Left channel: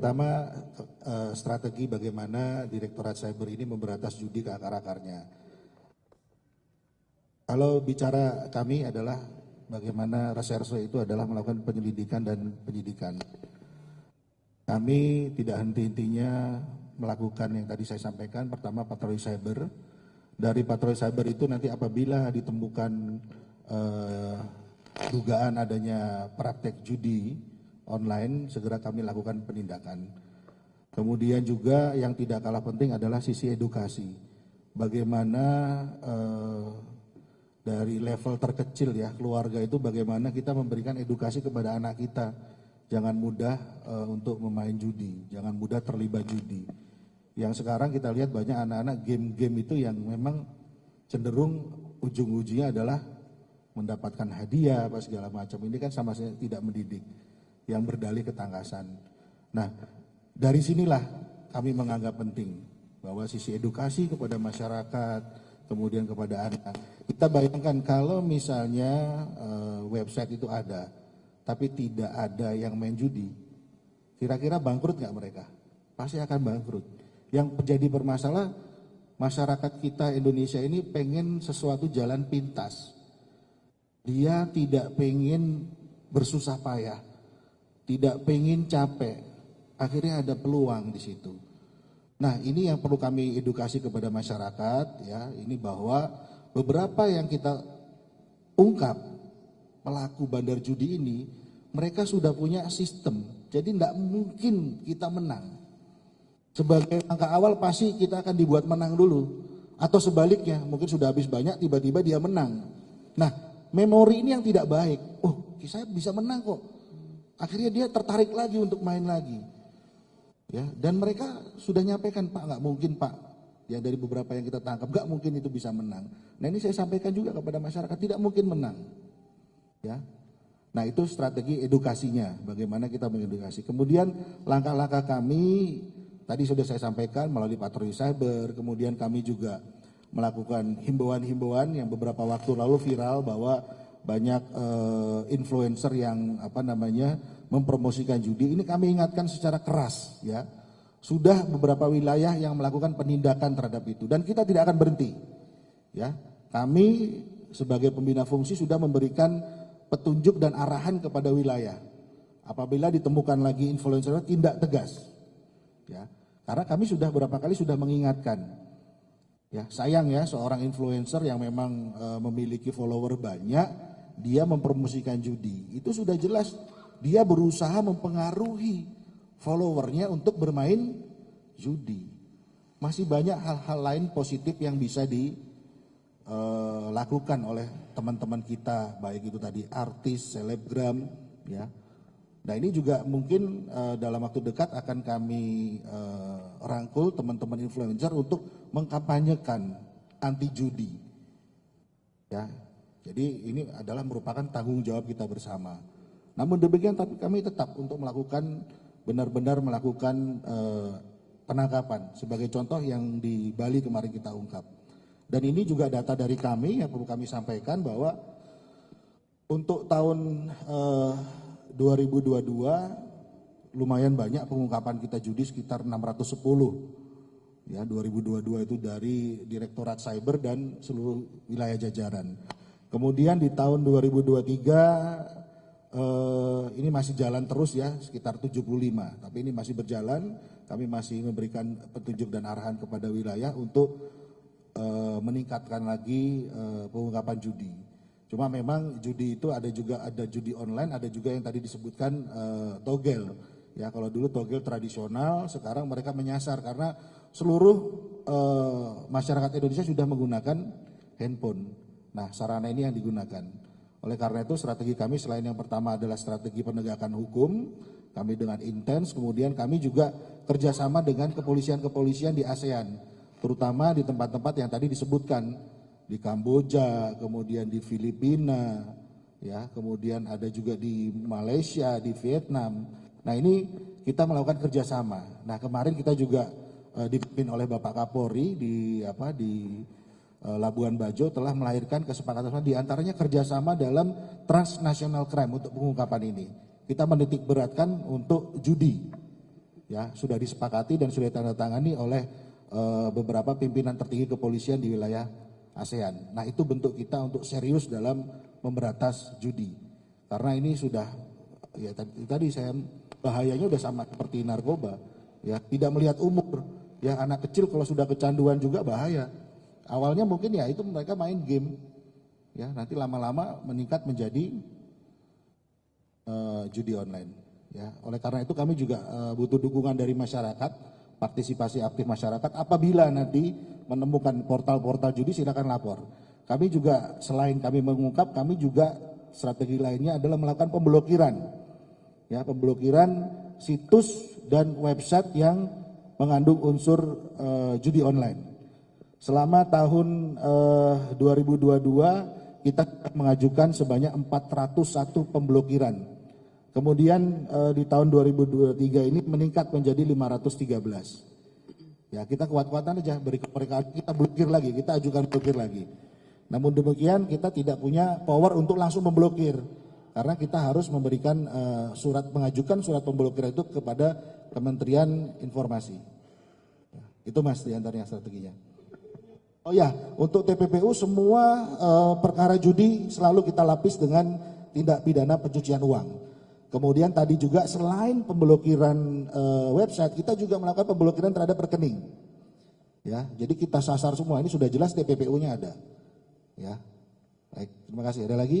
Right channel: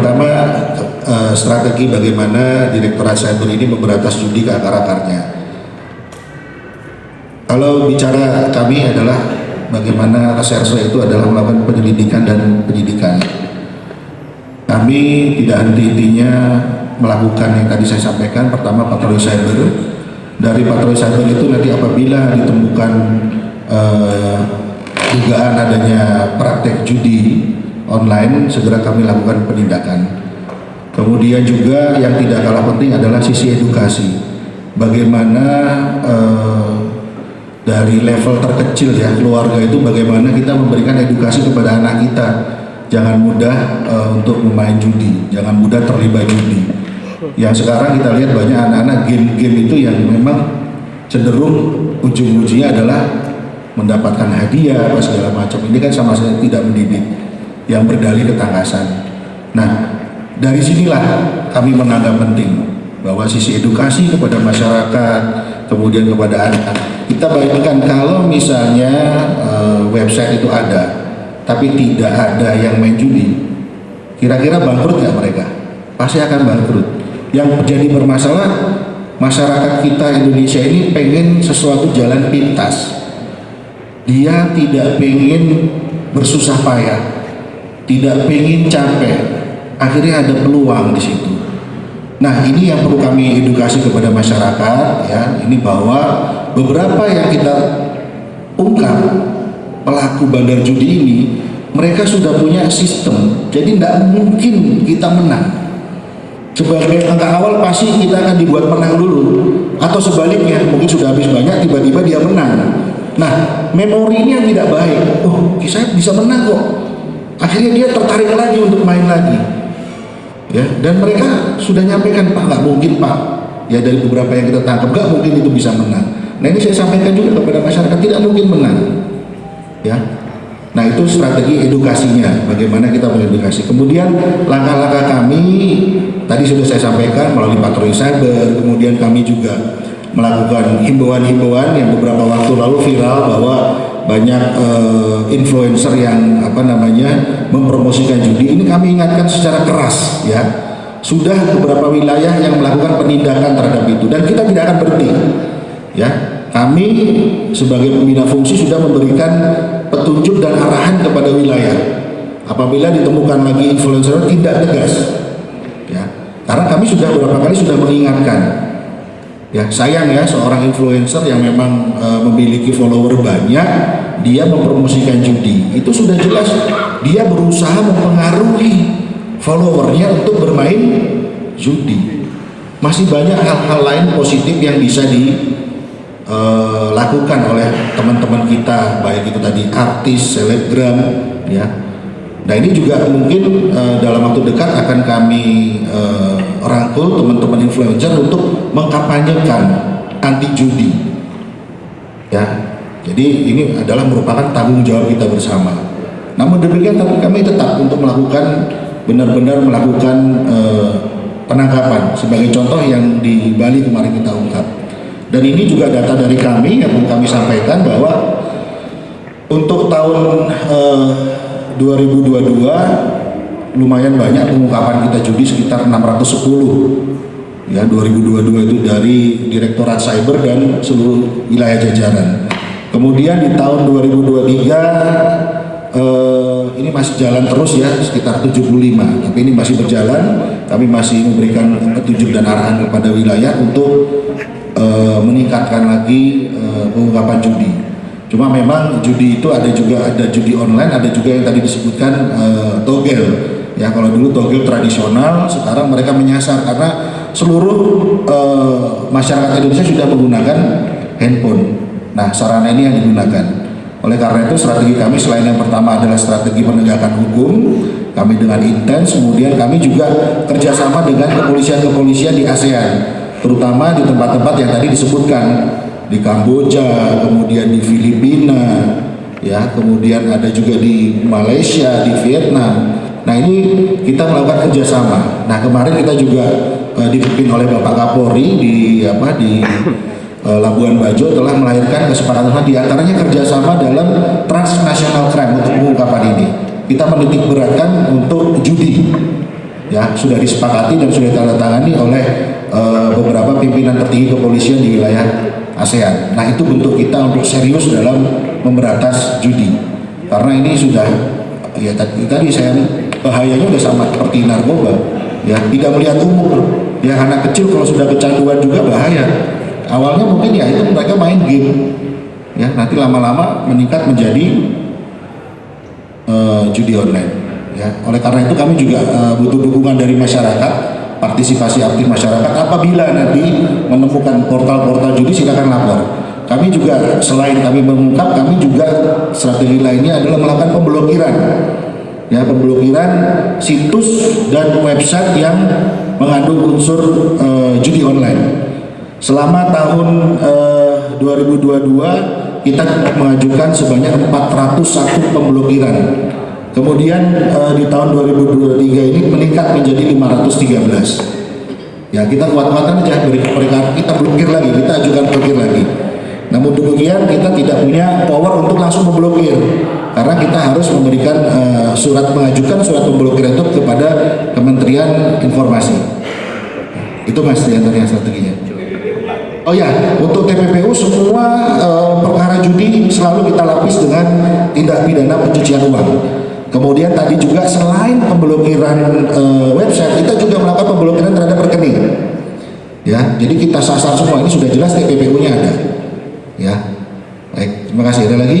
Pertama, strategi bagaimana Direktorat Cyber ini memberantas judi ke akar-akarnya. Kalau bicara kami adalah bagaimana reserse itu adalah melakukan penyelidikan dan penyidikan. Kami tidak henti-hentinya melakukan yang tadi saya sampaikan. Pertama, patroli cyber. Dari patroli cyber itu nanti apabila ditemukan dugaan adanya praktek judi online, segera kami lakukan penindakan. Kemudian juga yang tidak kalah penting adalah sisi edukasi. Bagaimana dari level terkecil ya, keluarga itu bagaimana kita memberikan edukasi kepada anak kita. Jangan mudah untuk bermain judi, jangan mudah terlibat judi. Yang sekarang kita lihat banyak anak-anak game-game itu yang memang cenderung ujung-ujungnya adalah mendapatkan hadiah apa segala macam. Ini kan sama sekali tidak mendidik, yang berdalih ketangkasan. Nah, dari sinilah kami menganggap penting bahwa sisi edukasi kepada masyarakat, kemudian kepada anak. Kita bayangkan kalau misalnya website itu ada, tapi tidak ada yang main judi, kira-kira bangkrut nggak mereka? Pasti akan bangkrut. Yang jadi bermasalah, masyarakat kita Indonesia ini pengen sesuatu jalan pintas. Dia tidak pengen bersusah payah, tidak pengen capek. Akhirnya ada peluang di situ. Nah, ini yang perlu kami edukasi kepada masyarakat ya. Ini bahwa beberapa yang kita ungkap pelaku bandar judi ini, mereka sudah punya sistem. Jadi tidak mungkin kita menang. Sebagai langkah awal pasti kita akan dibuat menang dulu, atau sebaliknya mungkin sudah habis banyak tiba-tiba dia menang. Nah, memori ini yang tidak baik. Oh, saya bisa menang kok. Akhirnya dia tertarik lagi untuk main lagi. Ya, dan mereka sudah nyampaikan, Pak, nggak mungkin Pak. Ya, dari beberapa yang kita tangkap nggak mungkin itu bisa menang. Nah, ini saya sampaikan juga kepada masyarakat, tidak mungkin menang. Ya. Nah, itu strategi edukasinya, bagaimana kita mengedukasi. Kemudian langkah-langkah kami tadi sudah saya sampaikan melalui patroli cyber. Kemudian kami juga melakukan himbauan-himbauan yang beberapa waktu lalu viral bahwa banyak influencer yang mempromosikan judi. Ini kami ingatkan secara keras ya. Sudah beberapa wilayah yang melakukan penindakan terhadap itu dan kita tidak akan berhenti. Ya, kami sebagai pembina fungsi sudah memberikan petunjuk dan arahan kepada wilayah. Apabila ditemukan lagi influencer tidak tegas. Ya, karena kami sudah beberapa kali sudah mengingatkan. Ya, sayang ya seorang influencer yang memang memiliki follower banyak, dia mempromosikan judi. Itu sudah jelas dia berusaha mempengaruhi followernya untuk bermain judi. Masih banyak hal-hal lain positif yang bisa dilakukan oleh teman-teman kita, baik itu tadi artis, selebgram, ya. Nah, ini juga mungkin dalam waktu dekat akan kami rangkul teman-teman influencer untuk mengkampanyekan anti judi. Ya, jadi ini adalah merupakan tanggung jawab kita bersama. Namun demikian, tapi kami tetap untuk melakukan benar-benar melakukan penangkapan. Sebagai contoh yang di Bali kemarin kita ungkap. Dan ini juga data dari kami yang kami sampaikan bahwa untuk tahun 2022 lumayan banyak pengungkapan kita judi sekitar 610 ya, 2022 itu dari Direktorat Cyber dan seluruh wilayah jajaran. Kemudian di tahun 2023 ini masih jalan terus ya, sekitar 75, tapi ini masih berjalan. Kami masih memberikan petunjuk dan arahan kepada wilayah untuk meningkatkan lagi pengungkapan judi. Cuma memang judi itu ada judi online, ada juga yang tadi disebutkan togel. Ya, kalau dulu togel tradisional, sekarang mereka menyasar karena seluruh masyarakat Indonesia sudah menggunakan handphone. Nah, sarana ini yang digunakan. Oleh karena itu strategi kami selain yang pertama adalah strategi penegakan hukum, kami dengan intens, kemudian kami juga kerjasama dengan kepolisian-kepolisian di ASEAN, terutama di tempat-tempat yang tadi disebutkan, di Kamboja, kemudian di Filipina, ya, kemudian ada juga di Malaysia, di Vietnam. Nah, ini kita melakukan kerjasama. Nah, kemarin kita juga dipimpin oleh Bapak Kapolri di Labuan Bajo telah melahirkan kesepakatan di antaranya kerjasama dalam transnational crime untuk pengungkapan ini. Kita menitik beratkan untuk judi, ya sudah disepakati dan sudah ditandatangani oleh beberapa pimpinan tertinggi kepolisian di wilayah ASEAN. Nah itu bentuk kita untuk serius dalam memberantas judi, karena ini sudah ya tadi saya bahayanya udah sama seperti narkoba, ya tidak melihat umur, ya anak kecil kalau sudah kecanduan juga bahaya. Awalnya mungkin ya itu mereka main game, ya nanti lama-lama meningkat menjadi judi online. Ya, oleh karena itu kami juga butuh dukungan dari masyarakat, partisipasi aktif masyarakat. Apabila nanti menemukan portal-portal judi silakan lapor. Kami juga selain kami mengungkap, kami juga strategi lainnya adalah melakukan pemblokiran. Ya, pemblokiran situs dan website yang mengandung unsur judi online. Selama tahun 2022 kita mengajukan sebanyak 401 pemblokiran. Kemudian di tahun 2023 ini meningkat menjadi 513. Ya kita kuat-kuatan aja, kita blokir lagi, kita ajukan blokir lagi. Namun demikian kita tidak punya power untuk langsung memblokir, karena kita harus memberikan mengajukan surat pemblokiran itu kepada Kementerian Informasi. Itu mas diantaranya strateginya. Oh ya, untuk TPPU semua perkara judi selalu kita lapis dengan tindak pidana pencucian uang. Kemudian tadi juga selain pemblokiran website, kita juga melakukan pemblokiran terhadap rekening. Ya, jadi kita sasar semua, ini sudah jelas TPPU-nya ada. Ya, baik, terima kasih. Ada lagi?